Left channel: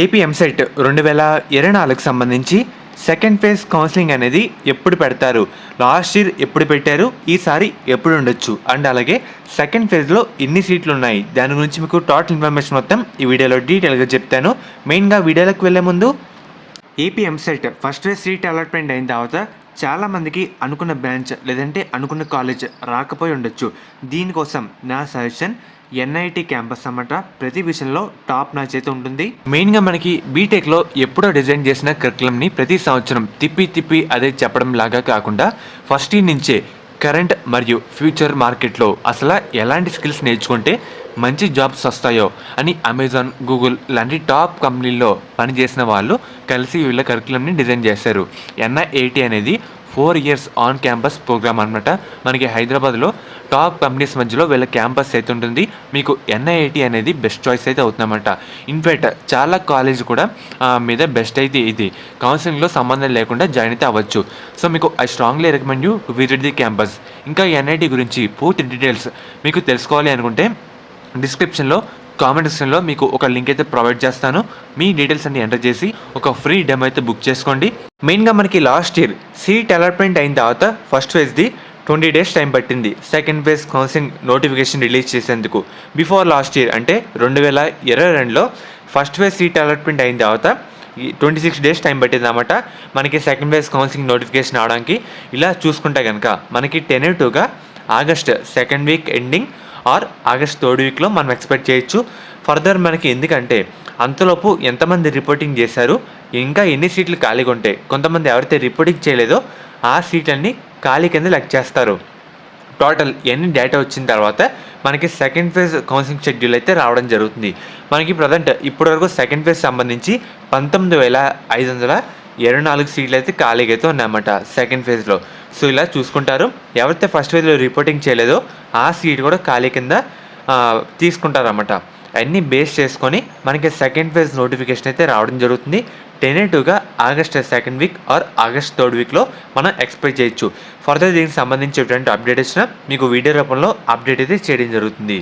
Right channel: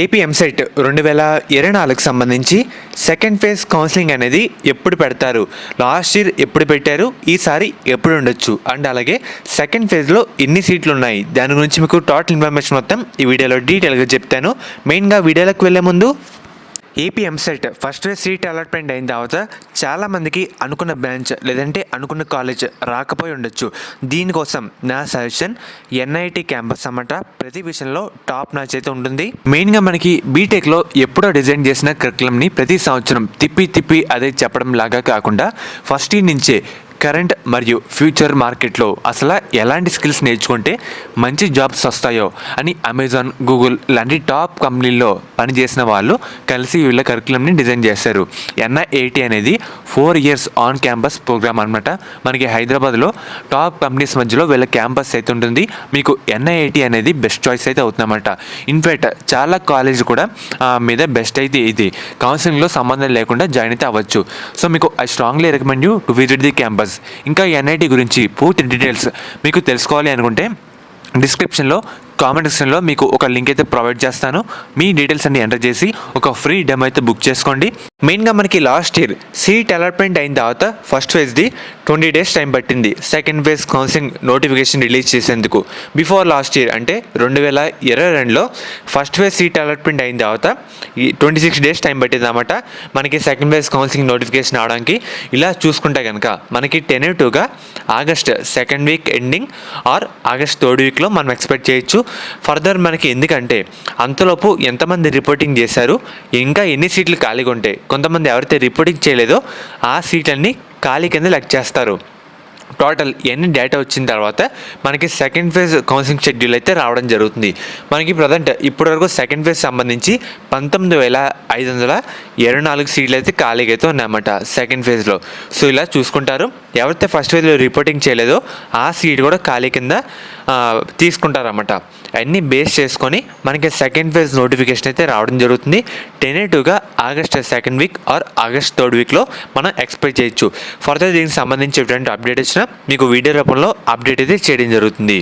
AP EAMCET 2024కి సంబంధించి second phase counselling అనేది ఎప్పుడు పెడతారు, లాస్ట్ ఇయర్ ఎప్పుడు పెట్టారు, ఈసారి ఎప్పుడు ఉండొచ్చు అండ్ అలాగే సెకండ్ ఫేజ్లో ఎన్ని సీట్లు ఉన్నాయి, దాని గురించి మీకు టోటల్ ఇన్ఫర్మేషన్ మొత్తం ఈ వీడియోలో డీటెయిల్గా చెప్తాను. మెయిన్గా వీడియోలోకి వెళ్ళే ముందు AP EAMCET first phase seat allotment అయిన తర్వాత చాలామందికి అనుకున్న బ్రాంచ్ లేదంటే అనుకున్న కాలేజ్ రాకపోయి ఉండొచ్చు. దీనికోసం నా సజెషన్ ఎన్ఐటి క్యాంపస్ అన్నమాట. ప్రతి విషయంలో టాప్ నాచ్ అయితే ఉంటుంది. మెయిన్గా మనకి బీటెక్లో ఎప్పుడో డిజైన్ చేసిన కరికులంని ప్రతి సంవత్సరం తిప్పి అదే చెప్పడం లాగా కాకుండా ఫస్ట్ ఇయర్ నుంచే కరెంట్ మరియు ఫ్యూచర్ మార్కెట్లో అసలు ఎలాంటి స్కిల్స్ నేర్చుకుంటే మంచి జాబ్స్ వస్తాయో అని అమెజాన్, గూగుల్ లాంటి టాప్ కంపెనీల్లో పనిచేసిన వాళ్ళు కలిసి వీళ్ళ కరికులంని డిజైన్ చేశారు. ఎన్ఐఏటి అనేది 4 years ఆన్ క్యాంపస్ ప్రోగ్రామ్ అనమాట. మనకి హైదరాబాద్లో టాప్ కంపెనీస్ మధ్యలో వీళ్ళ క్యాంపస్ అయితే ఉంటుంది. మీకు ఎన్ఐఏటి అనేది బెస్ట్ చాయిస్ అయితే అవుతుందన్నమాట. ఇన్ఫ్యాక్ట్ చాలా కాలేజ్ కూడా మీద బెస్ట్ అయితే ఇది కౌన్సిలింగ్లో సంబంధం లేకుండా జాయిన్ అయితే అవ్వచ్చు. సో మీకు I strongly recommend you to visit the campus. ఇంకా ఎన్ఐటి గురించి పూర్తి డీటెయిల్స్ మీకు తెలుసుకోవాలి అనుకుంటే డిస్క్రిప్షన్లో కామెంట్ సెక్షన్లో మీకు ఒక లింక్ అయితే ప్రొవైడ్ చేస్తాను. మీ డీటెయిల్స్ అన్ని ఎంటర్ చేసి ఒక ఫ్రీ డెమో అయితే బుక్ చేసుకోండి. మెయిన్గా మనకి లాస్ట్ ఇయర్ సీట్ అలాట్మెంట్ అయిన తర్వాత ఫస్ట్ ఫేజ్ది 20 days టైం పట్టింది second phase counselling notification release చేసేందుకు. బిఫోర్ లాస్ట్ ఇయర్ అంటే 2022లో ఫస్ట్ ఫేజ్ సీట్ అలాట్మెంట్ అయిన తర్వాత 26 days టైం పట్టింది అన్నమాట మనకి సెకండ్ ఫేజ్ కౌన్సిలింగ్ నోటిఫికేషన్ అవడానికి. ఇలా చూసుకుంటే కనుక మనకి టెనేటివ్గా August second week ending or August third వీక్లో మనం ఎక్స్పెక్ట్ చేయొచ్చు. ఫర్దర్ మనకి ఎందుకంటే అంతలోపు ఎంతమంది రిపోర్టింగ్ చేశారు, ఇంకా ఎన్ని సీట్లు ఖాళీగా ఉంటాయి, కొంతమంది ఎవరైతే రిపోర్టింగ్ చేయలేదో ఆ సీట్లన్నీ ఖాళీ కింద లెక్క చేస్తారు. టోటల్ ఎన్ని డేటా వచ్చిన తర్వాత మనకి సెకండ్ ఫేజ్ కౌన్సిలింగ్ షెడ్యూల్ అయితే రావడం జరుగుతుంది. మనకి ప్రజెంట్ ఇప్పటివరకు సెకండ్ ఫేజ్ సంబంధించి 19,524 సీట్లు అయితే ఖాళీగా అయితే ఉన్నాయన్నమాట సెకండ్ ఫేజ్లో. సో ఇలా చూసుకుంటారు, ఎవరైతే ఫస్ట్ ఫేజ్లో రిపోర్టింగ్ చేయలేదో ఆ సీట్ కూడా ఖాళీ కింద తీసుకుంటారన్నమాట. అన్నీ బేస్ చేసుకొని మనకి సెకండ్ ఫేజ్ నోటిఫికేషన్ అయితే రావడం జరుగుతుంది. టెనేటివ్గా August second week or August third వీక్లో మనం ఎక్స్పెక్ట్ చేయొచ్చు. ఫర్దర్ దీనికి సంబంధించి ఎటువంటి అప్డేట్ వచ్చినా మీకు వీడియో రూపంలో అప్డేట్ అయితే చేయడం జరుగుతుంది.